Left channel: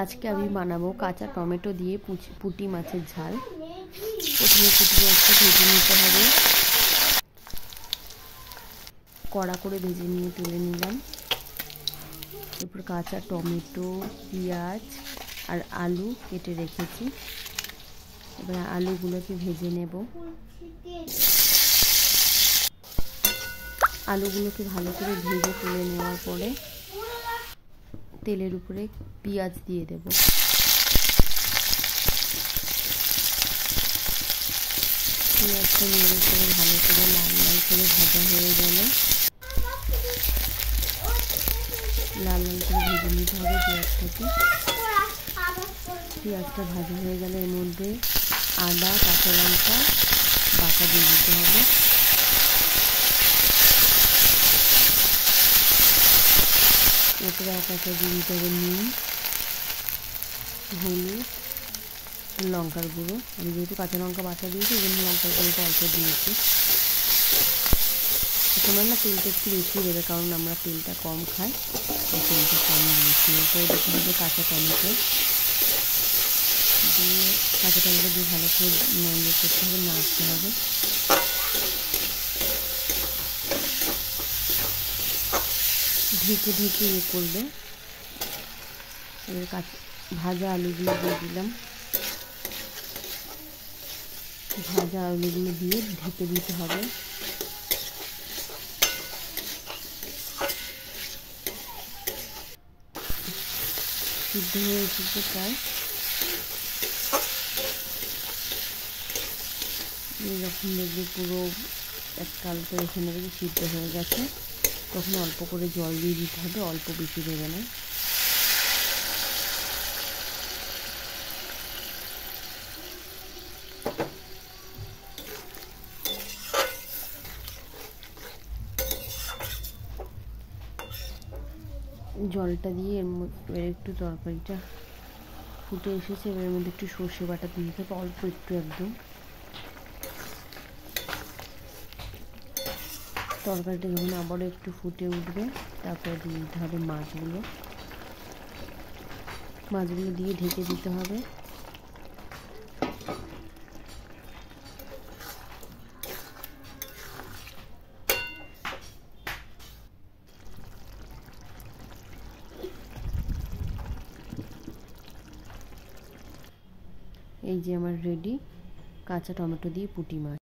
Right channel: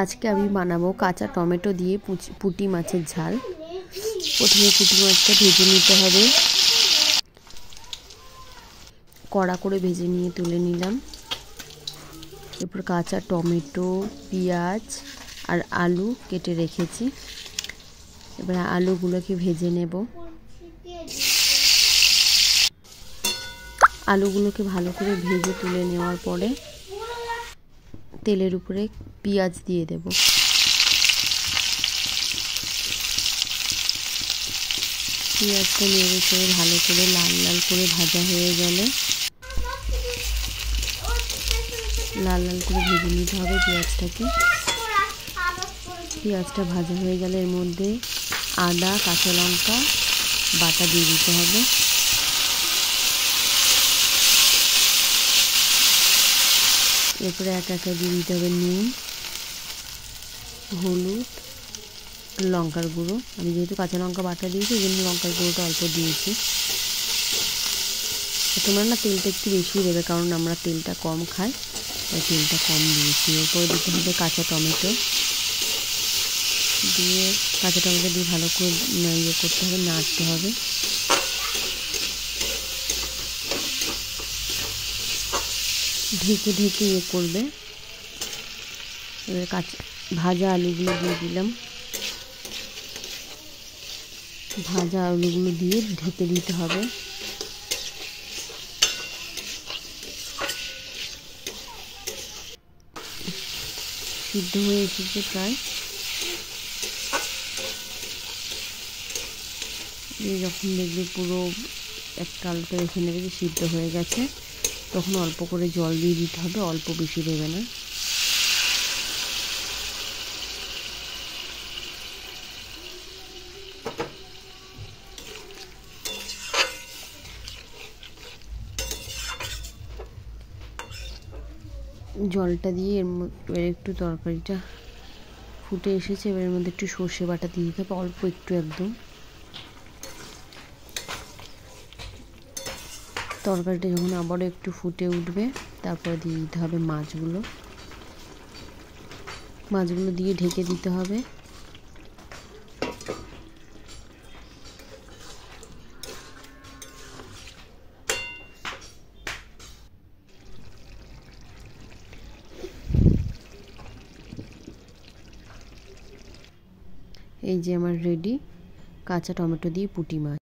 আজকে আমি বানাবো কাঁচা টমেটো দিয়ে পুঁটি মাছের ঝাল। প্রথমে পুঁটি মাছটা ভেজে নিতে হবে, কড়া করে ভেজে নিয়ে তুলে নিলাম। এরপর কাঁচা টমেটো, পেঁয়াজ আর আলু কেটে রেখেছি। এবার আলুগুলোকে ভেজে নেব। আলুগুলোকে ভালো করে ভেজে তুলে নেওয়ার পরে তেলের উপরে পেঁয়াজ দিয়ে দেব। পেঁয়াজটা নেড়ে করে ভালো করে লাল লাল করে ভাজা হয়ে গেলে লাল লাল করে ভেজে নিতে হবে পেঁয়াজটাকে। পেঁয়াজটা ভাজা হয়ে গেলে এর মধ্যে আদা, কাঁচা লঙ্কা বাটা দিয়ে দিতে হবে। এরপরে এক একে দিয়ে দিতে হবে নুন, হলুদ, লঙ্কার গুঁড়ো। আমি যেহেতু কাঁচা লঙ্কা বাটা দিয়েছি এই জন্য লঙ্কার গুঁড়োটা অল্প দিয়েছি। তোমরা না তেলটা একটু বেশি দেবে, কারণ আমরা তেলটা কম খাই, তাই তেলটা কম দিয়েছি। এরপরে দিতে হবে কাঁচা টমেটো দিয়ে, কাঁচা টমেটো দিয়ে ভালো করে ইয়ে করতে হবে, নাড়তে হবে। ঢেকে ঢেকে ইয়ে করবে। এবার ভাজা আলুগুলো দিয়ে দিলাম। ভাজা আলুগুলো দিয়ে ঢেকে দিতে হবে। সিদ্ধ হয়ে এসেছে প্রায়। যখন দেখবে পুরো একটা আলুটা রেখে নেবে যে সিদ্ধ হয়ে গেছে, তখন অল্প করে জল দিয়ে দিতে হবে, অল্প বেশি দেবে না। জলটা দিয়ে এবার একটু তরকারিটা ফুটে এসেছে। এবার এর মধ্যে একটু সর্ষে বাটা দিয়ে দিতে হবে, অল্প একটু একদম। তরকারিটা যখন আবারও একটু ফুটে উঠবে, তারপরে দিয়ে দিতে হবে মাছগুলো। মাছগুলো দিয়ে ঢেকে দিতে হবে। এই যে আমার রেডি কাঁচা টমেটো দিয়ে পুঁটি মাছ।